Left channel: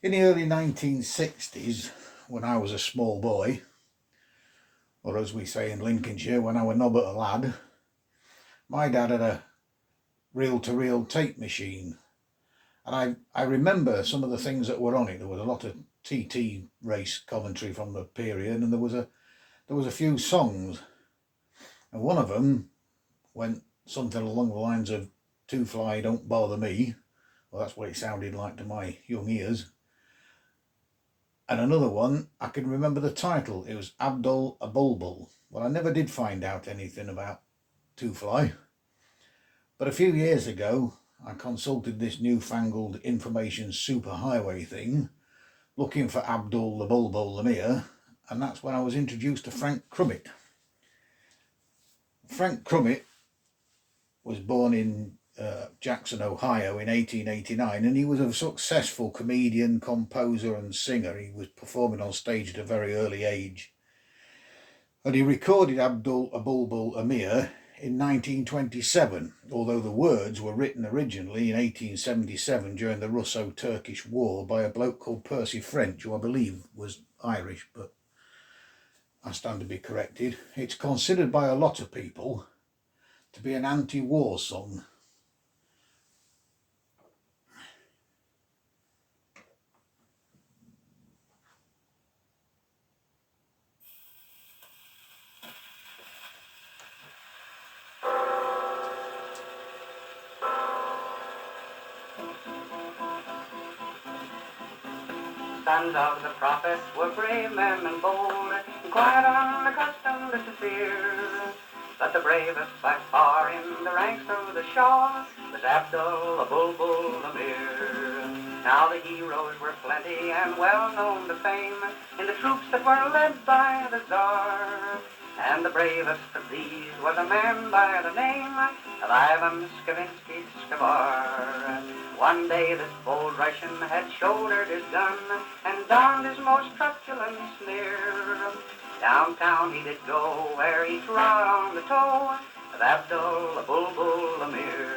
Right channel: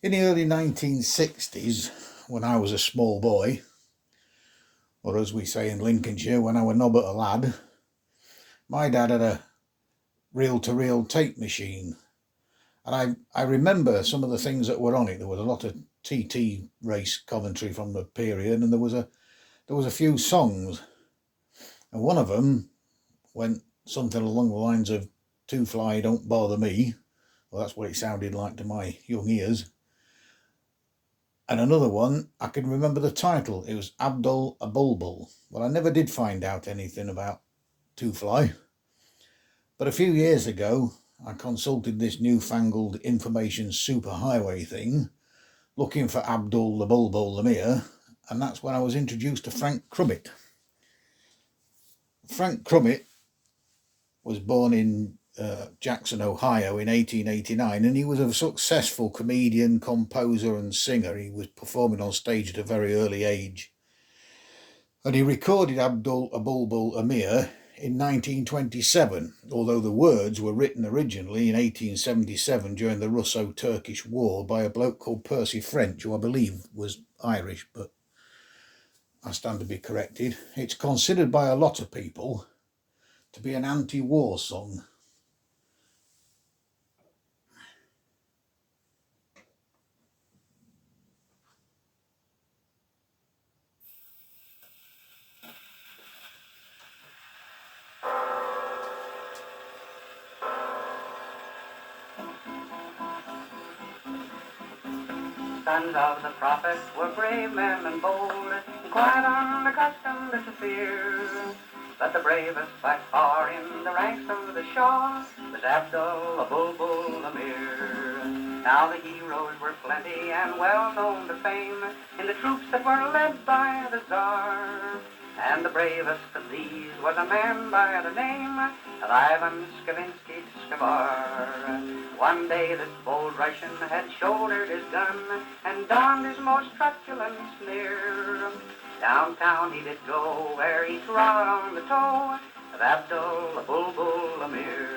In the early 1960s, when I was a small boy, or as we say in Lincolnshire, when I was nobbut a lad, my dad had a reel-to-reel tape machine. And I remember some of the things that were on it. There was a lot of TT race commentary from the period, and there was a few songs. And one of them went something along the lines of "Two Fly Don't Bother Me." Well, that's what it sounded like to my young ears. And another one, I can remember the title. It was Abdul, Abulbul. Well, I never did find out anything about Two Fly. But a few years ago, I consulted this newfangled information superhighway thing, looking for Abdul, the Bulbul, Amir, and that's when I was introduced to Frank Crumit. Frank Crumit was born in Jackson, Ohio in 1889, and he was a successful comedian, composer and singer. He was performing on stage at a very early age. And he recorded Abdul Abulbul Amir in 1927, although the words were written originally in 1877 during the Russo-Turkish War by a bloke called Percy French, who I believe was Irish, but I stand to be corrected. It's considered by a lot of people to be an anti-war song. Sons of the prophets were brave men and bold, quite unaccustomed to fear. But the bravest by far in the ranks of the Shah was Abdul, Abulbul, Amir. Now the heroes were plenty and well known to fame in the troops that were led by the Tsar. And the bravest of these was a man by the name of Ivan Skavinsky Skavar. One day this bold Russian had shouldered his gun and donned his most truculent sneer. Downtown he did go, where he trod on the toe of Abdul, Abulbul, Amir.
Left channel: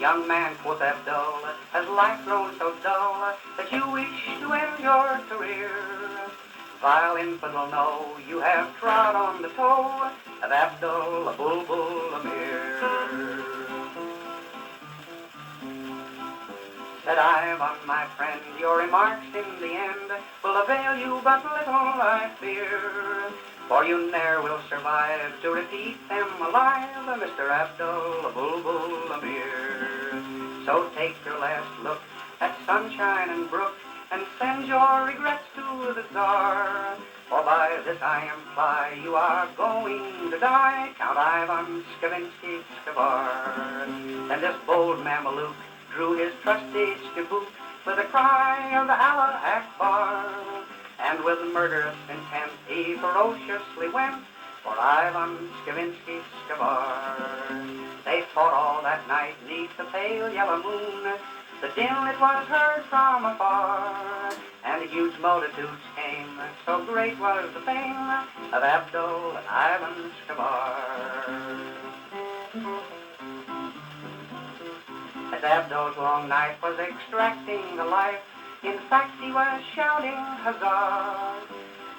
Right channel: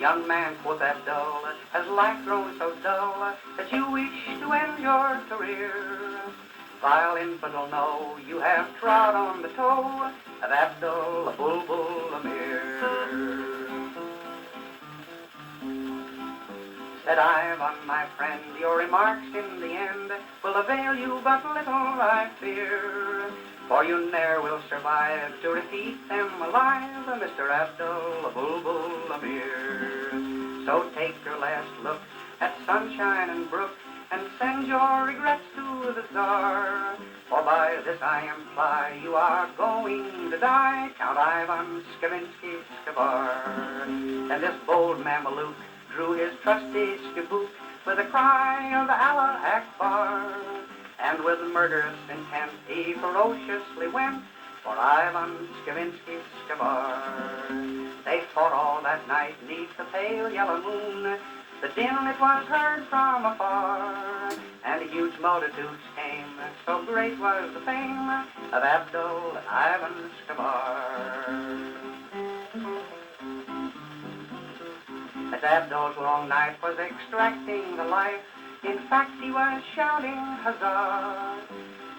Young man, quoth Abdul, has life grown so dull that you wish to end your career? Vile infidel, know you have trod on the toe of Abdul, Abulbul, Amir. Said Ivan, my friend, your remarks in the end will avail you but little, I fear, for you ne'er will survive to repeat them alive, Mr. Abdul, Abulbul, Amir. So take your last look at sunshine and brook, and send your regrets to the Tsar, for by this I imply you are going to die, Count Ivan Skavinsky Skavar. And this bold Mameluke drew his trusty skiboot with a cry of Allah Akbar, and with murderous intent he ferociously went for Ivan Skavinsky Skavar. They fought all that night neath the pale yellow moon. The din it was heard from afar, and huge multitudes came, so great was the fame of Abdul and Ivan Skavar. As Abdul's long knife was extracting the life, in fact he was shouting huzzah.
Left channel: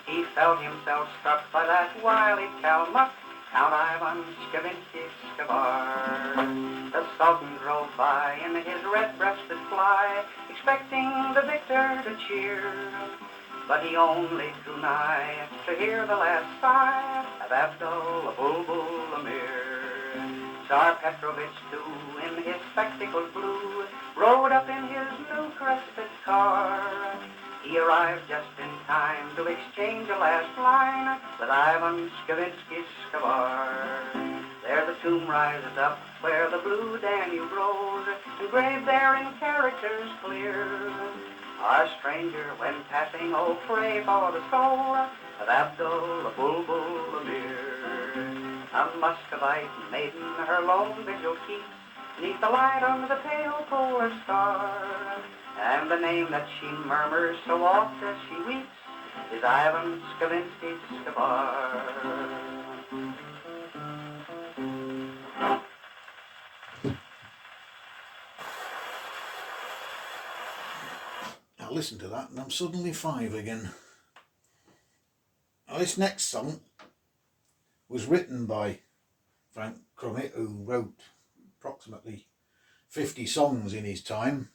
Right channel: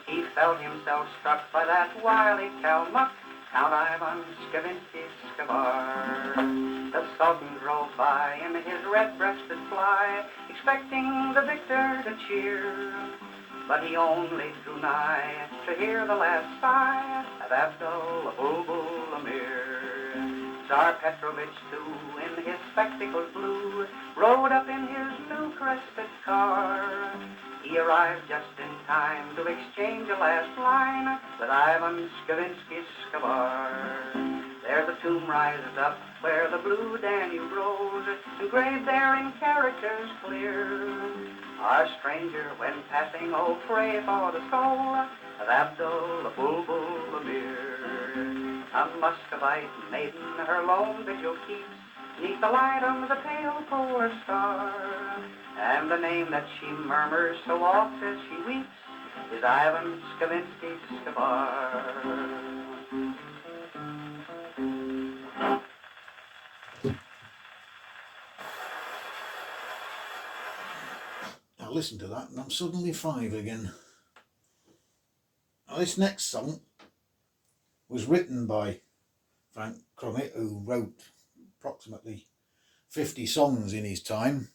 He felt himself struck by that wily Kalmuck, Count Ivan Skavinsky Skavar. The Sultan drove by in his red-breasted fly, expecting the victor to cheer, but he only drew nigh to hear the last sigh of Abdul, Abulbul, Amir. Tsar Petrovich, too, in his spectacles blue, rode up in his new crested car. He arrived just in time to exchange a last line with Ivan Skavinsky Skavar. There the tomb rises up where the blue Danube rose, engraved there in characters clear. Our stranger, when passing, oh pray for the soul of Abdul, Abulbul, Amir. A Muscovite maiden her lone vigil keeps, neath the light of the pale polar star, and the name that she murmurs so oft as she weeps is Ivan Skavinsky Skavar. Now listen to that and I'm suddenly 5 again. Now, this next song was written by Frank Crumit, who wrote approximately 50 songs in his time.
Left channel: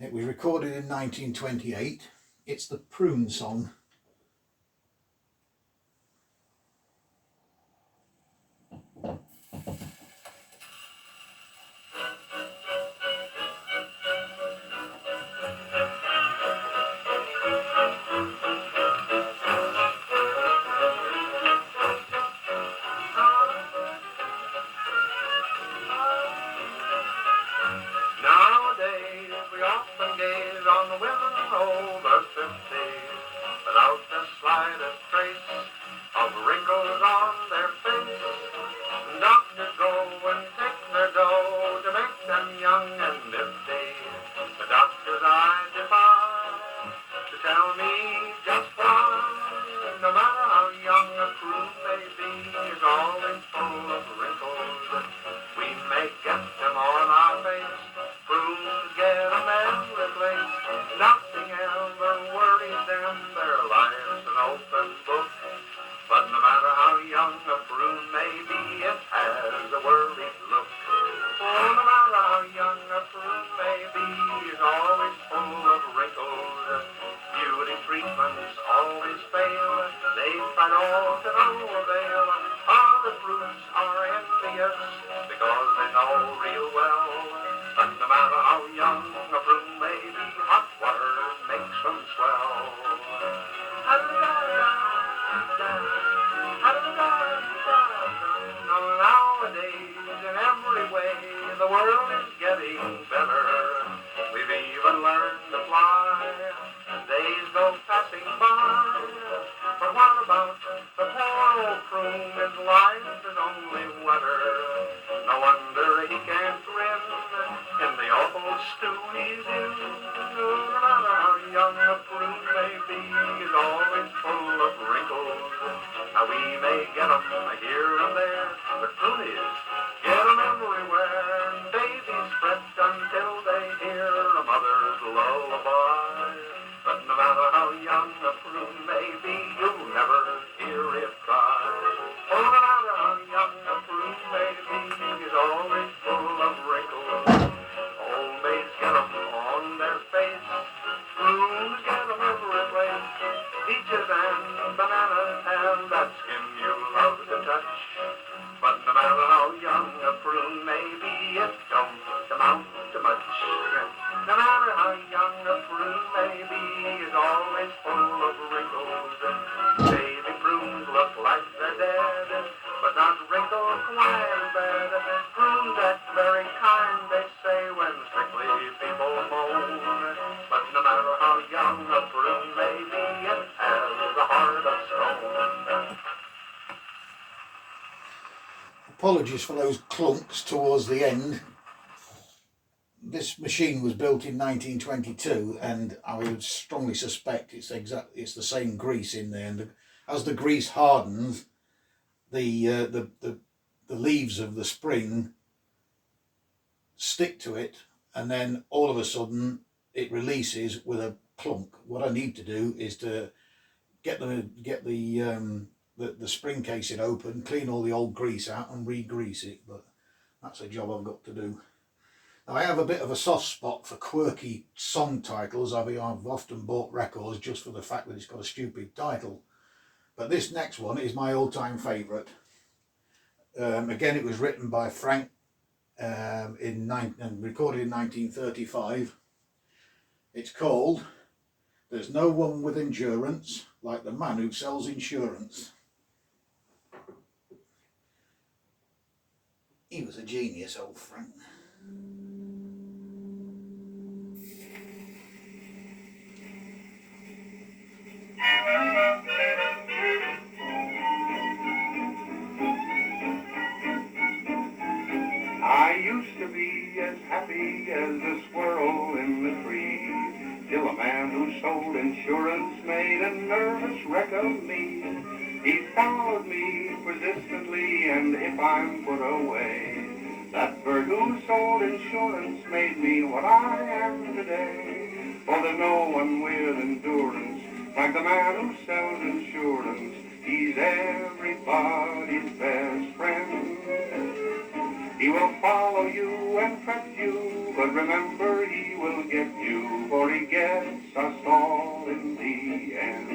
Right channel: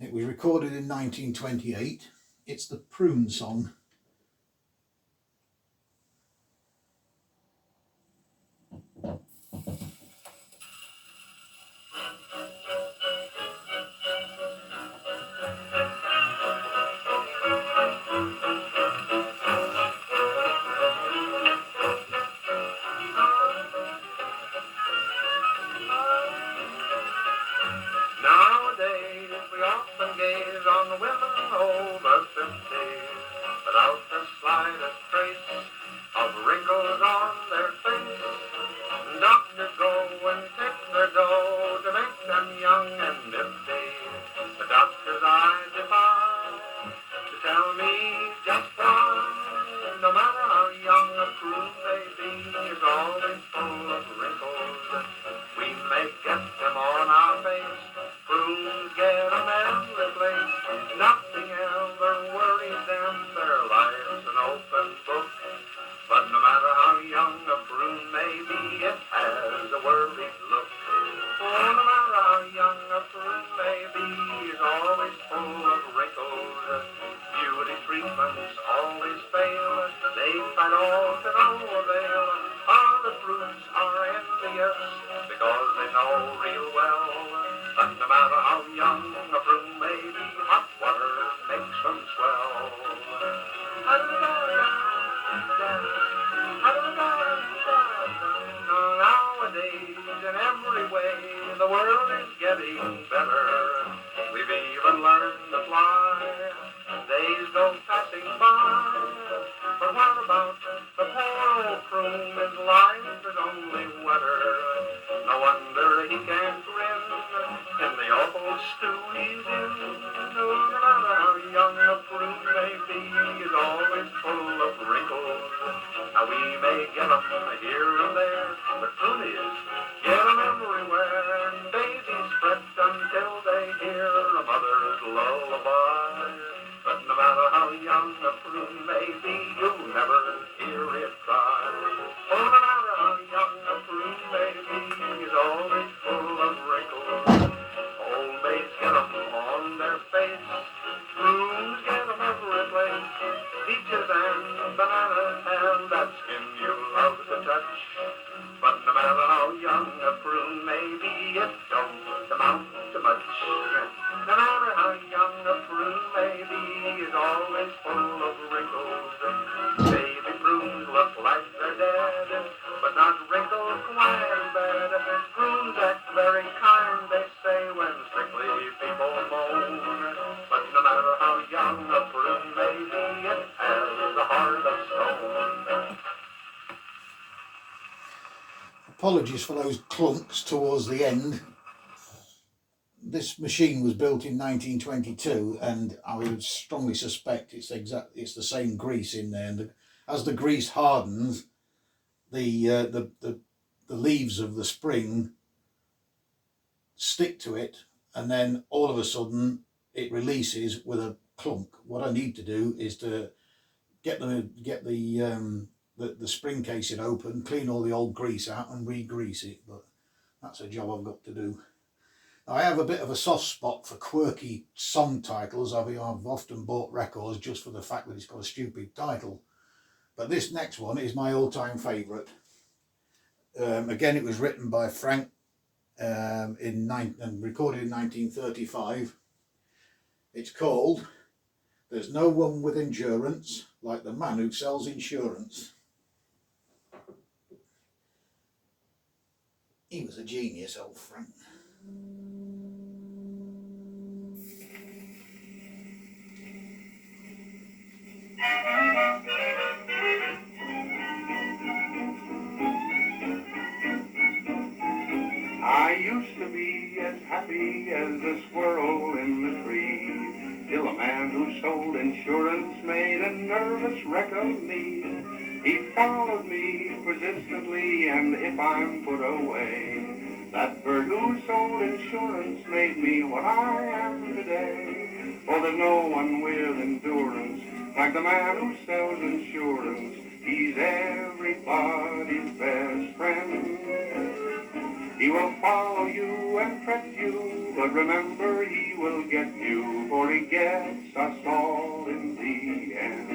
It was recorded in 1928. It's the Prune song. Nowadays we often gaze on the women over 50 without the slightest trace of wrinkles on their face. And doctors go and take their dough to make them young and nifty. The doctors I defy to tell me just why, no matter how young a Prune may be, is always full of wrinkles. We may get them on our face, Prunes get them every place. Nothing ever worries them, their life's an open book. But no matter how young a Prune may be, it has a worried look. Oh, no matter how young a Prune may be, is always full of wrinkles. Beauty treatments always fail, they tried all to no avail. Other Prunes are envious because they know real well. But no matter how young a Prune may be, hot water makes them swell. Nowadays, in every way, the world is getting better. We've even learned to fly. Days go passing by. But what about the poor old Prune? His life is only wetter. No wonder he can't grin in the awful stew he's in. No matter how young a Prune may be, he's always full of wrinkles. Now we may get 'em here and there, but Prune is get 'em everywhere. And babies fret until they hear a mother's lullaby. But no matter how young a Prune may be, you'll never hear it cry. Oh, no matter how young a Prune may be, he's always full of wrinkles. Old maids get 'em on their face, Prunes get 'em every place. Peaches and bananas have that skin you love to touch. But no matter how young a Prune may be, it don't amount to much. No matter how young a Prune may be, is always full of wrinkles. Baby Prunes look like they're dead, but not wrinkled quite as bad. Prunes act very kind, they say, when sickly people moan. But no matter how young a Prune may be, it has a heart of stone. Apologies for those clunks towards the end. This machine was built in 1922, and I would strongly suspect it's the same grease in there. And as the grease hardens, the leaves of the spring stick to it, and then all of a sudden it releases with a clunk. What I need to do is to get the spring casing open, clean all the old grease out, and re-grease it. But that's a job I've got to do. Now, I have a bit of a soft spot for quirky song titles. I've often bought records just for the fact that it's got a stupid title. But this next one is my all-time favourite. Again, it was written by Frank and recorded in 1935. It's called "There's No One with Endurance Like the Man Who Sells Insurance." He was a genius, old Frank. I used to be as happy as a squirrel in the tree, till a man who sold insurance made a nervous wreck of me. He followed me persistently, and if I'm put away, that bird who sold insurance made me what I am today. For Oh, there's no one with endurance like the man who sells insurance. He's everybody's best friend. He will follow you and trust you, but remember he will get you, for he gets us all in the end.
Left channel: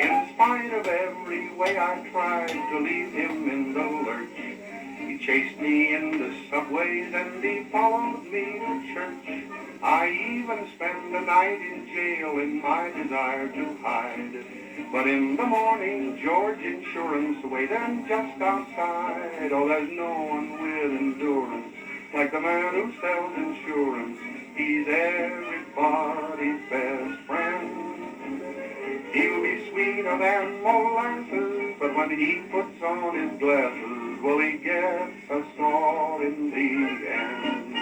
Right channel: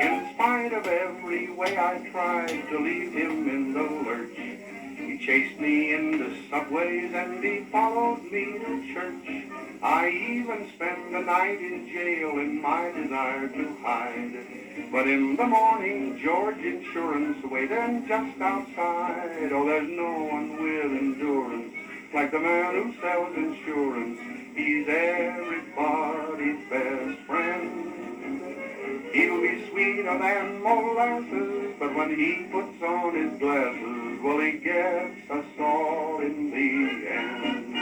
In spite of every way I tried to leave him in the lurch, he chased me into subways and he followed me to church. I even spent the night in jail in my desire to hide. But in the morning, George Insurance waited just outside. Oh, there's no one with endurance like the man who sells insurance. He's everybody's best friend. He'll be sweeter than molasses, but when he puts on his glasses, well, he gets us all in the end.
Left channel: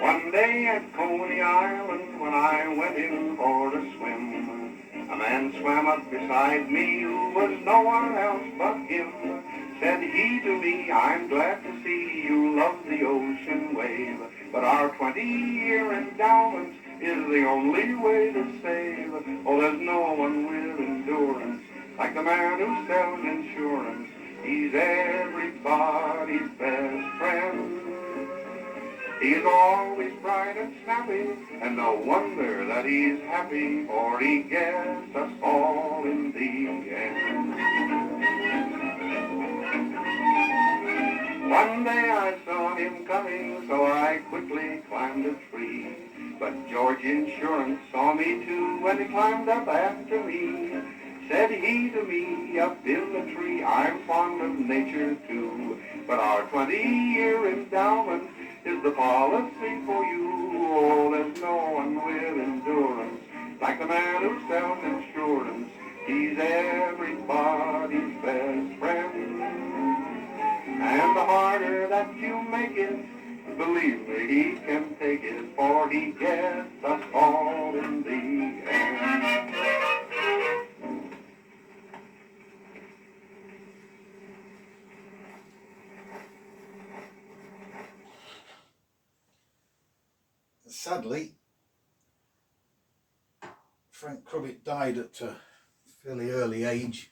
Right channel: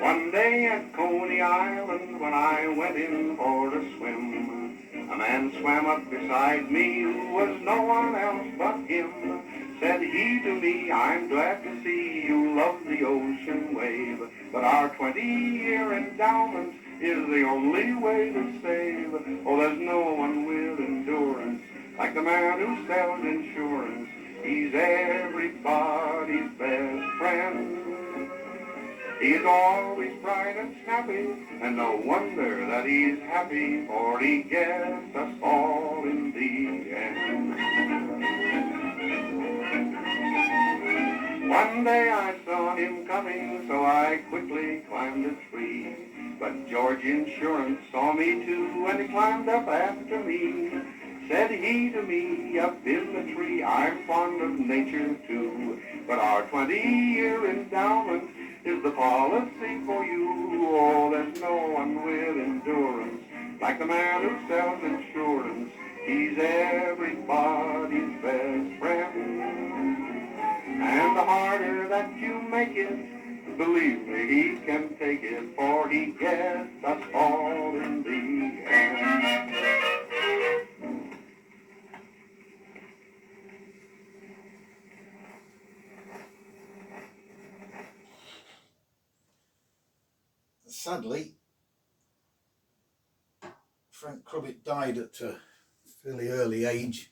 One day at Coney Island, when I went in for a swim, a man swam up beside me who was no one else but him. Said he to me, I'm glad to see you love the ocean wave, but our 20-year endowment is the only way to save. Oh, there's no one with endurance like the man who sells insurance. He's everybody's best friend. He's always bright and snappy, and no wonder that he's happy, for he gets us all in the end. One day I saw him coming, so I quickly climbed a tree. But George Insurance saw me too, and he climbed up after me. Said he to me up in the tree, I'm fond of nature too, but our 20-year endowment is the policy for you. Oh, there's no one with endurance like the man who sells insurance. He's everybody's best friend. And the harder that you make it, believe me, he can take it, for he gets us all in the end. Sadly, Frank Crumit died at a fairly early age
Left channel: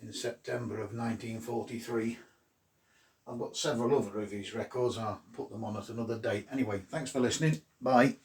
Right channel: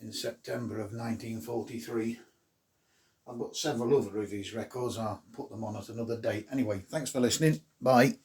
in September of 1943. I've got several other of his records. I'll put them on at another date. Anyway, thanks for listening. Bye.